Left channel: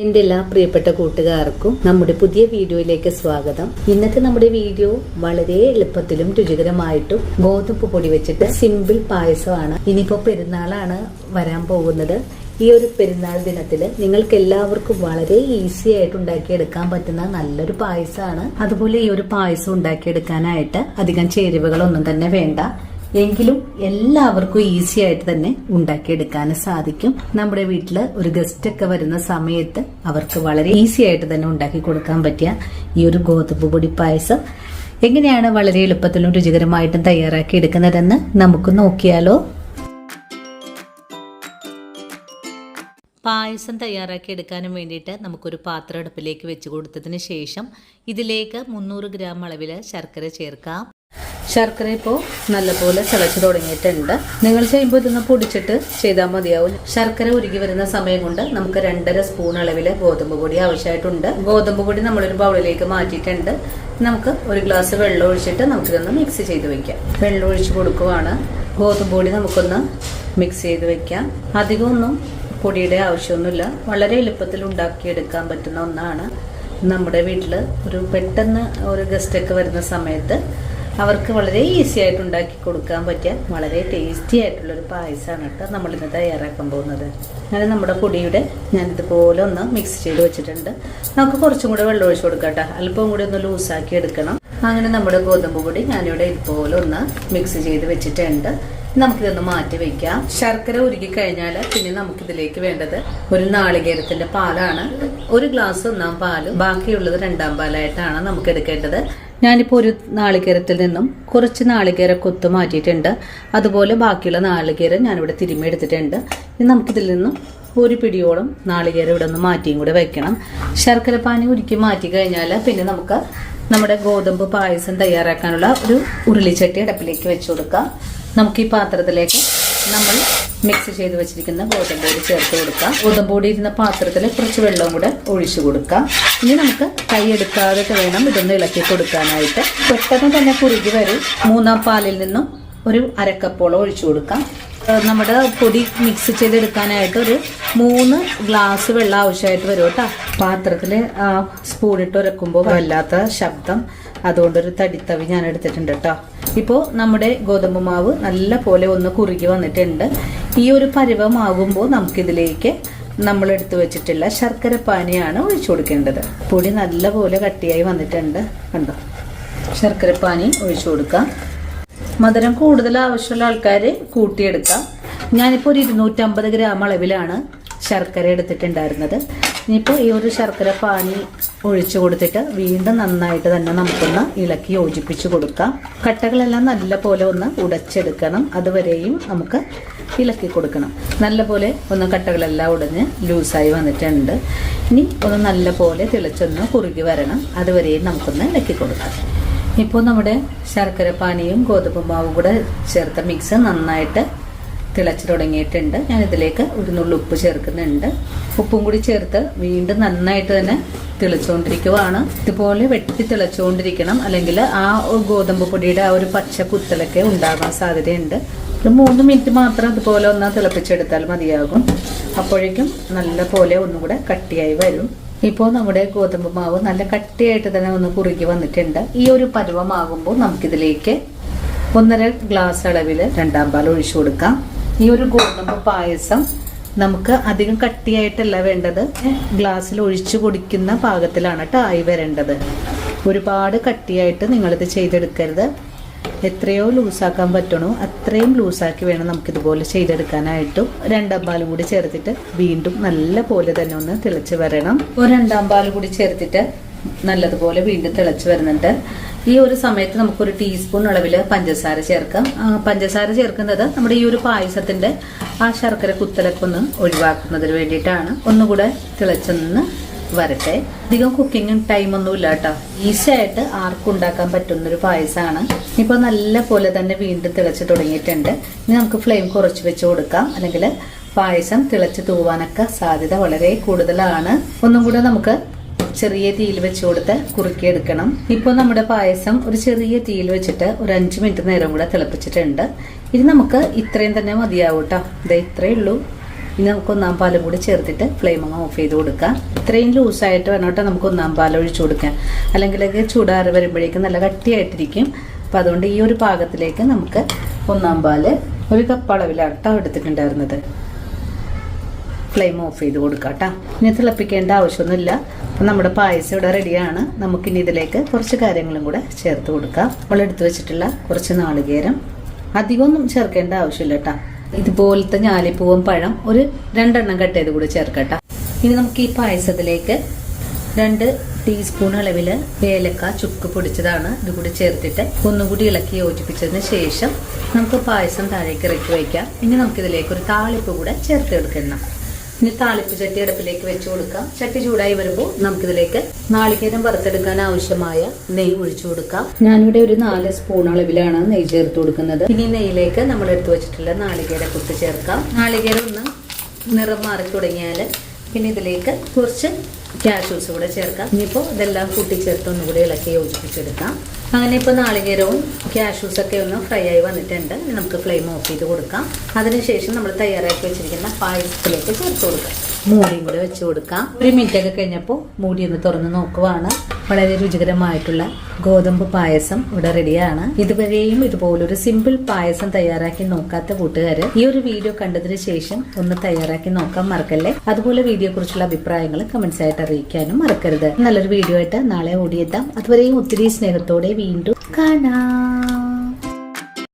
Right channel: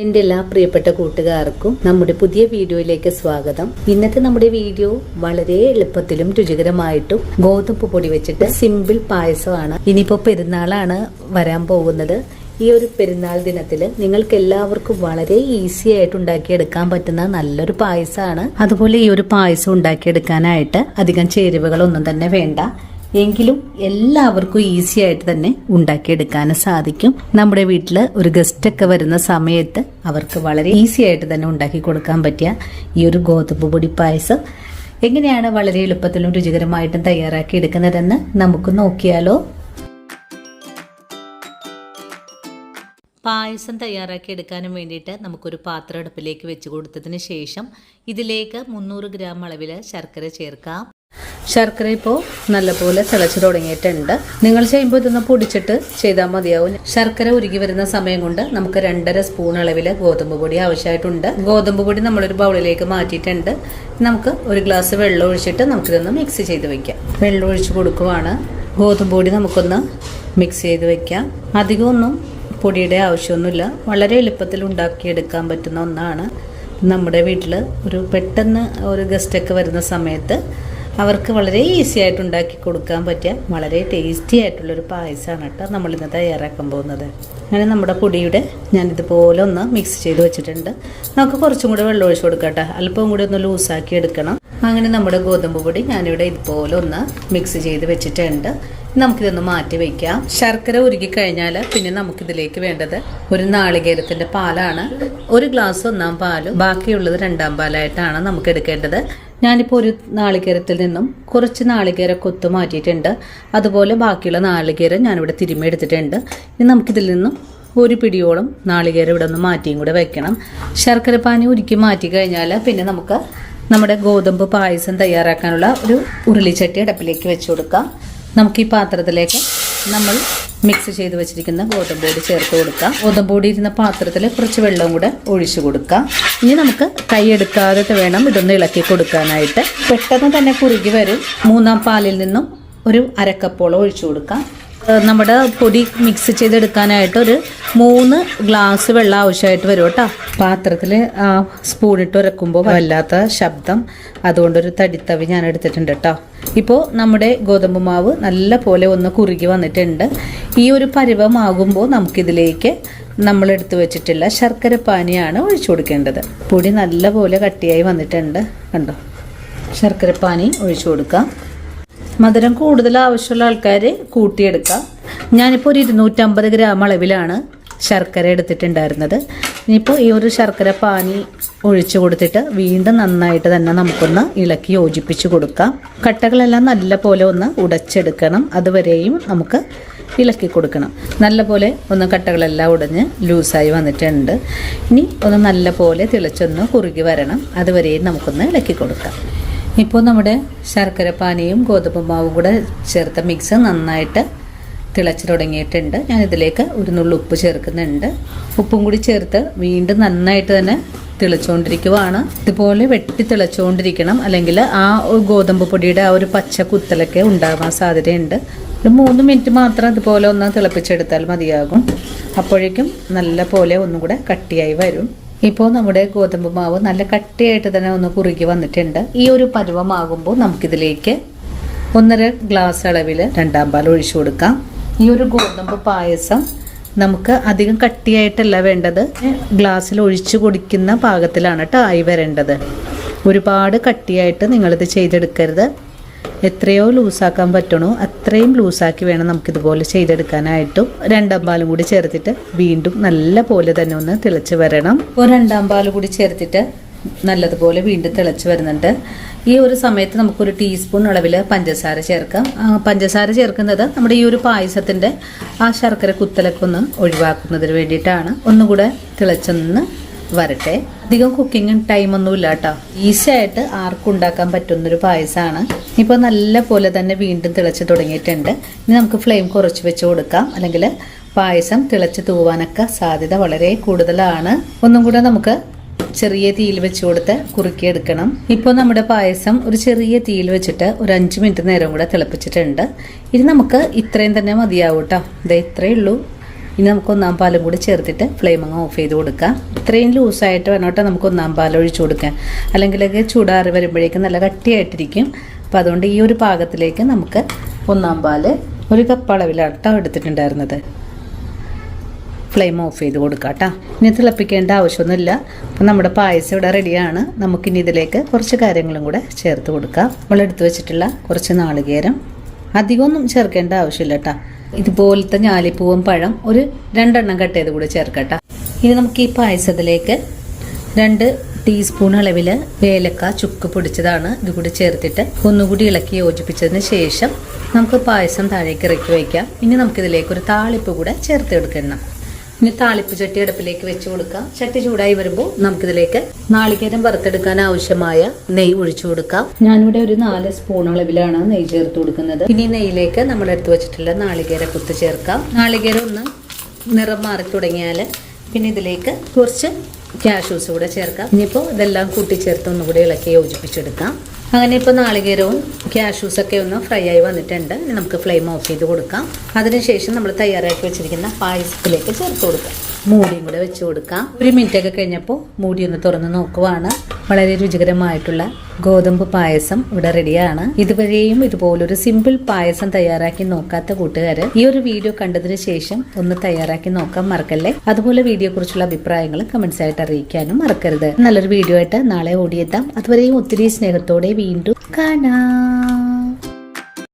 എൻ്റെ എല്ലാ പ്രിയപ്പെട്ട കൂട്ടുകാർക്കും നമ്മുടെ പുതിയ വീഡിയോയിലേക്ക് സ്വാഗതം. ഇന്നത്തെ നമ്മുടെ വീഡിയോ വളരെ എളുപ്പത്തിലും രുചികരമായിട്ടും ഗോതമ്പ് പൊടി വെച്ചിട്ട് സിമ്പിൾ പായസമാണ്. ഇനിയിപ്പോ പെരുന്നാളാണ് വരാൻ പോകുന്നത്. ഈ ഒരു പെരുന്നാൾ ദിനത്തിൽ നിങ്ങൾക്ക് എല്ലാവർക്കും വളരെ ഈസി ആയിട്ട് ഉണ്ടാക്കിയെടുക്കാൻ പറ്റുന്ന നല്ലൊരു പായസമാണ്. അതുപോലെ ഈ ഒരു പായസം ഉണ്ടാക്കിയെടുക്കാനായിട്ട് അധികം ചേരുവകളൊന്നും തന്നെ വേണ്ട. എങ്കിലും എല്ലാവർക്കും ഈസി ആയിട്ട് തന്നെ ഉണ്ടാക്കിയെടുക്കാനും സാധിക്കും. നമ്മുടെ വീട്ടിൽ ഒരു ഗസ്റ്റ് ഒക്കെ വരുന്ന സമയത്ത് അവർക്ക് വളരെ ഈസി ആയിട്ട് തന്നെ ഉണ്ടാക്കി കൊടുക്കാൻ പറ്റിയ ഈ ഒരു ഗോതമ്പ് പൊടി പായസം എങ്ങനെയാണ് വളരെ എളുപ്പത്തിലും രുചികരമായിട്ടും തയ്യാറാക്കി എടുക്കുന്നതെന്ന് നമുക്ക് നോക്കിയാലോ. പായസം തയ്യാറാക്കി എടുക്കാനും വേണ്ടിയിട്ട് നമുക്കൊരു പാത്രം അടുപ്പിലേക്ക് വെച്ച് കൊടുത്തതിന് ശേഷം ഇതിലേക്ക് 300 ഗ്രാം അളവിൽ ശർക്കര ചേർക്കാം. ശർക്കര ഇപ്പോൾ നല്ലപോലെ തിളച്ച് തുടങ്ങിയിട്ടുണ്ട്. നിങ്ങൾ ചെയ്യുമ്പോൾ ഇതൊന്ന് പൊടിച്ചിട്ട് ചെയ്താൽ മതിയാവും. ശർക്കര ഉരുകി വരുന്ന സമയം കൊണ്ട് നമുക്ക് 2.5 സ്പൂൺ അളവിൽ ഗോതമ്പ് പൊടി ആവശ്യമായിട്ടുണ്ട്. ഗോതമ്പ് പൊടി നമ്മളൊരു ബൗളിലേക്ക് മാറ്റിയിട്ടുണ്ട്. നമുക്ക് ഒരു ഗ്ലാസ് വെള്ളം ഒഴിച്ചിട്ട് നമുക്കിതൊന്ന് മിക്സ് ചെയ്ത് വെക്കാം. വെള്ളം ഒഴിച്ച് കൊടുക്കുവാണ്. ഗോതമ്പ് പൊടി നമുക്കൊന്ന് മിക്സ് ചെയ്ത് വെക്കാം. അധികമൊന്നും പൊടിയുടെ ആവശ്യമൊന്നുമില്ല. വളരെ എളുപ്പത്തിൽ ഉണ്ടാക്കിയെടുക്കാൻ പറ്റുന്ന ഒന്നാണ്. നമ്മുടെ വീട്ടിൽ പെട്ടെന്ന് ഒരു ഗസ്റ്റൊക്കെ വരുന്ന സമയത്ത് അവർക്ക് വളരെ ഈസി ആയിട്ട് ഉണ്ടാക്കി കൊടുക്കാൻ പറ്റിയ വളരെ ടേസ്റ്റി ആയിട്ടുള്ളൊരു പായസമാണ് കേട്ടോ നമ്മളിന്ന് തയ്യാറാക്കാൻ പോകുന്നത്. അങ്ങനെ നമ്മുടെ പൊടിയുടെ ഞാനിതുപോലെ ഒന്ന് മിക്സ് ചെയ്ത് വെച്ചിട്ടുണ്ട്. നമുക്ക് കുറച്ചും കൂടെ വെള്ളം ഒഴിച്ച് കൊടുക്കാം കേട്ടോ. അല്പം കൂടി ഒന്ന് ലൂസാക്കി എടുക്കണം. അങ്ങനെ നമ്മുടെ ഗോതമ്പ് പൊടി ഞാനിവിടെ ഇതുപോലെ ഒന്ന് മിക്സ് ചെയ്ത് വെച്ചിട്ടുണ്ട്. നമുക്കിതൊന്ന് മാറ്റി വെക്കാം. ശർക്കര ഉരുകി കഴിഞ്ഞാൽ പിന്നെ നമുക്കിതിലേക്ക് വേണ്ടത് ഒരു നാളികേരത്തിന്റെ പാലാണ്. ഒരു ഗ്ലാസ് 1 പാലും ബാക്കിയുള്ളത് 2 പാലായിട്ടാണ് നമുക്ക് എടുക്കേണ്ടത്. ഞാനിപ്പോൾ ഒരു നാളികേരത്തിൽ നിന്നും കുറച്ച് നാളികേര കൊത്ത് മാറ്റിയിട്ടുണ്ട്. അതുപോലെ ബാക്കിയുള്ള നാളികേരം ഞാനിവിടെ തിരുമ്മി എടുത്തിട്ടുണ്ട്. ഇനി നമുക്കിതിൽ നിന്നും ഒരു പിടിയോളം നാളികേരം ഇവിടെ ഒന്ന് മാറ്റിയും കൂടെ വെക്കണം. ശർക്കര പാനി ഉരുക്കി മാറ്റി കഴിഞ്ഞാൽ പിന്നെ നമുക്ക് നമ്മുടെ ഗോതമ്പ് പായസം തയ്യാറാക്കാനുള്ള ഒരു ഉരുളിച്ചട്ടി അടുപ്പിലേക്ക് വെച്ച് കൊടുക്കാം. നമുക്ക് ഈ പാത്രത്തിലേക്ക് നമ്മൾ മിക്സ് ചെയ്ത് വെച്ചിരിക്കുന്ന ഗോതമ്പ് പൊടി ചേർത്ത് കൊടുക്കാം. ഗോതമ്പ് പൊടി ഇരുന്ന പാത്രത്തിൽ കുറച്ച് വെള്ളവും കൂടെ ഒഴിച്ചു കൊടുക്കാം. ഇനി നമുക്ക് കൈയെടുക്കാതെ വേണം ഇതൊന്ന് ഇളക്കി കൊടുക്കാനായിട്ട്. പെട്ടെന്ന് തന്നെ കുറുകി വരും. 3 പാലിൽ നിന്നും ഒരു അരക്കപ്പോളം ഒഴിച്ചു കൊടുക്കാം. നമ്മുടെ പൊടി മിക്സ് ചെയ്തെടുക്കാനായിട്ട് ഒരു 3 ഗ്ലാസ് വെള്ളം ആവശ്യമായിട്ട് വരും കേട്ടോ. പാത്രത്തിൽ സ്പൂണിട്ട് ഉരക്കുമ്പോൾ വല്ലാത്ത ശബ്ദം, അതുകൊണ്ടൊരു തടിത്തവി ഞാൻ എടുത്തിട്ടുണ്ട് കേട്ടോ. ഇപ്പോൾ നമ്മുടെ ഗോതമ്പ് മാവ് നല്ല പോലെ ഒന്ന് കുറുകി വന്നിട്ടുണ്ട്. ഈ ഒരു പരുവമാകുമ്പോൾ നമുക്കിതിലേക്ക് നമ്മൾ എടുത്തു വെച്ചിട്ടുള്ള ശർക്കര പാനിയാണ് ഒഴിച്ചു കൊടുക്കേണ്ടത്. പൊടി നല്ല പോലെ കട്ടിയായി വന്നിട്ടുണ്ട് കണ്ടോ. ശർക്കര പാനി ഒഴിച്ചു കൊടുക്കാം. മധുരം കൂടുതൽ ആവശ്യമുള്ള ആൾക്കാർ കൂട്ടിയെടുക്കാം. ഞാനിപ്പോൾ ഒരു 250 ഗ്രാം അളവിലാണ് ശർക്കര എടുത്തിട്ടുണ്ടായിരുന്നത്. ഇനിയിപ്പോൾ ഈ ഒരു ശർക്കര പാനി ഒഴിച്ചു കൊടുത്തിട്ട് വീണ്ടും നന്നായിട്ട് തന്നെ നമുക്കൊന്ന് ഇളക്കി യോജിപ്പിച്ച് കൊടുക്കാം. കട്ടകളെല്ലാം നല്ല പോലെ ഒന്ന് ഉടച്ചെടുക്കണം. അതുവരെയും നമുക്ക് ഇളക്കി കൊടുക്കണം. നല്ല പോലെ ഒന്ന് കട്ടകളെല്ലാം ഉടഞ്ഞ് ലൂസായി വന്നിട്ടുണ്ട്. ഇനി ഒന്ന് നല്ല പോലെ തിളച്ചൊന്ന് കുറുകി വരണം. അതുവരെയും നമുക്കൊന്ന് ഇളക്കി കൊടുക്കാം. ഇപ്പോൾ നമ്മുടെ ശർക്കര പാനിയും ഗോതമ്പ് മാവും കൂടെ ചേർത്ത മിക്സ് നന്നായിട്ട് തിളച്ച് തുടങ്ങിയിട്ടുണ്ട്. ഞാനിതിലേക്ക് ഒരു നുള്ളു ഉപ്പ് ചേർക്കുന്നുണ്ട്. ഉപ്പും കൂടി ചേർത്ത് വീണ്ടും നന്നായിട്ട് തന്നെ തിളച്ചുകൊണ്ടിരിക്കുവാണ്. ഇതുപോലെ വെട്ടി തിളച്ചുകൊണ്ടിരിക്കണം. അല്ലെങ്കിൽ ആ ഗോതമ്പ് പൊടിയുടെ ആ ഒരു പച്ച കുത്തലൊക്കെ ഉണ്ടാകാൻ സാധ്യതയുണ്ട്. ഒരു 3 മിനിറ്റ് മാത്രം ഇതുപോലെ ഒന്ന് തിളപ്പിച്ചെടുത്താൽ മതിയാകും. അപ്പോഴേക്കും നല്ല പോലെ ഒന്നുകൂടെ കട്ടിയായി വരും. ഇപ്പോൾ നമ്മുടെ ഗോതമ്പ് മാവ് നല്ല കട്ടിയായിട്ട് തന്നെ ഒന്ന് കുറുകി വന്നിട്ടുണ്ട്. ഈ ഒരു പരുവമാകുമ്പോൾ നമുക്കിതിലേക്ക് 1.5 ഗ്ലാസ് അളവിൽ 2 പാൽ ഒഴിച്ചു കൊടുക്കാം. ഈ ഒരു ഗോതമ്പ് പായസം നമുക്ക് അധികം കട്ടിയായിട്ടല്ല വേണ്ടത്. ഗ്ലാസ്സിൽ ഒഴിച്ചു കുടിക്കുന്ന പാകത്തിലാണ് കേട്ടോ ആയി വരേണ്ടത്. ഒരുപാട് കട്ടിയായിട്ട് നിങ്ങളിത് ചെയ്തെടുക്കരുത്. എത്രയോ ലൂസാക്കാൻ പറ്റണോ അത്രയും ലൂസാക്കി വേണം നമുക്കിതുപോലെ ചെയ്തെടുക്കാനായിട്ടും. 2 പാലും കൂടി ചേർത്തിട്ട് വീണ്ടും നല്ല പോലെ തന്നെ ഒന്ന് തിളച്ച് വരണം. 2 പാൽ കൂടി ചേർത്തിട്ട് നല്ലതുപോലെ വീണ്ടും തിളച്ച് വരുന്നുണ്ട്. ഈ ഒരു സമയത്ത് നമുക്കൊരു ടീസ്പൂൺ അളവിൽ പഞ്ചസാര ചേർക്കാം. പഞ്ചസാര ചേർക്കുന്നത് നമ്മുടെ ഈ ഒരു പായസത്തിന്റെ ആ ശർക്കര കുത്തലൊക്കെ ഒന്ന് ഒഴിവാക്കുന്നതിന് വേണ്ടിയിട്ടാണ്. ഒന്നുകൂടെ തിളച്ചൊന്ന് വരട്ടെ. അധികം കുക്കിംഗ് ടൈം ഒന്നും ഇല്ല കേട്ടോ. ഈസി ആയിട്ട് ആർക്കും ഉണ്ടാക്കാൻ പറ്റുന്നൊരു പായസമാണ്. ഇപ്പൊ നല്ല പോലെ തന്നെ വീണ്ടും തിളച്ച് തുടങ്ങിയിട്ടുണ്ട്. ഇനി നമുക്ക് ഫ്ലെയിം കുറച്ച് വെച്ച് കൊടുക്കാം. അല്ലെങ്കിൽ പായസം തിളച്ച് തൂവാനൊക്കെ സാധ്യത വളരെ കൂടുതലാണ്. ഒന്നും കൂടെ നമുക്ക് ചെറിയ തീയിൽ വെച്ച് കൊടുത്ത് കുറുക്കിയെടുക്കണം. ഇപ്പോൾ നമ്മുടെ പായസം ഒരു ചെറിയ തീയിൽ വെച്ചിട്ട് ഒരു 5 മിനിറ്റ് നേരം കൂടെ തിളപ്പിച്ചിട്ടുണ്ട്. ഇനി നമുക്ക് ഇത്രയും തന്നെ മതിയാവും കേട്ടോ. ഇത് ഇത്രയേ ഉള്ളൂ. ഇനി നമുക്ക് ഒന്നാം പാലും കൂടി ചേർത്തിട്ട് ഫ്ലെയിം അങ്ങ് ഓഫ് ചെയ്ത് കൊടുക്കാം. ഇത്രയും ലൂസായിട്ട് വേണം കേട്ടോ നമുക്ക് ഒന്നാം പാൽ ഒഴിച്ചു കൊടുക്കാൻ, അല്ലെങ്കിൽ ചൂടാറി വരുമ്പോഴേക്കും നല്ല കട്ടിയായിട്ടിരിക്കും. അപ്പം അതുകൊണ്ട് ഈ ഒരു പാകത്തിലേക്ക് നമുക്ക് ഒന്നാം പാല് 1 കപ്പ് അളവിലാണ് എടുത്തിട്ടുണ്ടായിരുന്നത്. ഫ്ലെയിം ഓഫ് ചെയ്ത് കൊടുക്കാം കേട്ടോ. ഇനി തിളപ്പിക്കേണ്ട ആവശ്യമൊന്നുമില്ല. അപ്പം നമ്മുടെ പായസം ഇവിടെ റെഡിയാണ്. നമുക്കിനി ഇതിലേക്ക് കുറച്ച് കാര്യങ്ങളും കൂടെ ചേർത്ത് കൊടുക്കാം. നമ്മൾ എടുത്തു വെച്ചിട്ടുള്ള കുറച്ച് നാളികേരം, അധികമൊന്നും ചേർക്കേണ്ട ആവശ്യമില്ല കേട്ടോ. ഇതുപോലത്തെ ഞാലിപ്പൂവും പഴം ഒരു 2 എണ്ണം കട്ട് ചെയ്ത് കൂടെ ചേർക്കട്ടെ. ഇനി നമുക്ക് ഈ പായസത്തിലേക്ക് 2 ടീസ്പൂൺ അളവില് ഏലക്ക ചുക്ക് പൊടിച്ചതാണ് ഇത് കൂടി ചേർത്തിട്ട് ഒന്നുകൂടി ഇളക്കി യോജിപ്പിച്ചതിന് ശേഷം നമുക്ക് പായസം താഴേക്ക് ഇറക്കി വയ്ക്കാം. ഇനി നമുക്കിതിലേക്ക് ഒരു താളിപ്പ് കൂടെ ചേർത്തെടുക്കണം. ഇനി താളിപ്പ് ചട്ടി അടുപ്പിലേക്ക് വെച്ച് കൊടുക്കാം. ചട്ടി ചൂടായി വരുമ്പോൾ നമുക്കിതിലേക്ക് നാളികേരം വറുത്തെടുക്കാൻ ആവശ്യമായ നെയ്യ് ഒഴിച്ചു കൊടുക്കാം. ഞാനിവിടെ ഒരു 4 സ്പൂൺ അളവിലാണ് നെയ്യ് ചേർത്ത് കൊടുക്കുന്നത്. ഇനി നെയ്യിലേക്ക് നമ്മൾ എടുത്തു വെച്ചിട്ടുള്ള നാളികേര കുത്ത് ചേർക്കാം. നാളികേരം ഒന്ന് നിറം മാറി തുടങ്ങിയാൽ പിന്നെ ഇതിലേക്ക് കുറച്ച് കാഷ്യൂസ് കൂടെ ചേർക്കാം. ഇനിയിപ്പോൾ ഇതെല്ലാം കൂട്ടിച്ചേർത്ത് ഒന്നുകൂടി ഇളക്കി യോജിപ്പിച്ചെടുക്കാം. അങ്ങനെ ഇപ്പോൾ നാളികേരവും കാഷ്യൂസൊക്കെ ഒന്ന് ഫ്രൈ ആയി വന്നിട്ടുണ്ട്. നമുക്ക് ഫ്ലെയിം ഓഫ് ചെയ്ത് കൊടുക്കാം. അതിനുശേഷം നമ്മൾ തയ്യാറാക്കി വെച്ചിരിക്കുന്ന പായസത്തിലേക്ക് ചേർത്ത് കൊടുക്കാം. മൂടിയും കൂടെ വെച്ച് കൊടുക്കാം. 1 മിനിറ്റ് ഒക്കെ കഴിഞ്ഞപ്പോൾ മൂടി ഒന്ന് തുറന്ന് നോക്കുവാണ്. വളരെ രുചികരമായിട്ടുള്ള ഗോതമ്പ് പായസം ഇവിടെ റെഡിയാണ്. ഇതുവരെയും ഇതുപോലൊരു സിമ്പിൾ പായസം തയ്യാറാക്കി നോക്കാത്ത കൂട്ടുകാര് ഈ ഒരു വീഡിയോ കണ്ടതിന് ശേഷം ഒന്ന് തയ്യാറാക്കി നോക്കാൻ മറക്കല്ലേ. അതുപോലെ വീഡിയോ കുറിച്ചുള്ള അഭിപ്രായങ്ങൾ കമന്റ്സ് ആയിട്ട് അറിയിക്കാനും മറക്കരുത്. നല്ലൊരു വീഡിയോ ആയിട്ട് നാളെ ഓടിയെത്താം. അതുവരെയും ഒത്തിരി സ്നേഹത്തോടെ വീണ്ടും കാണാം.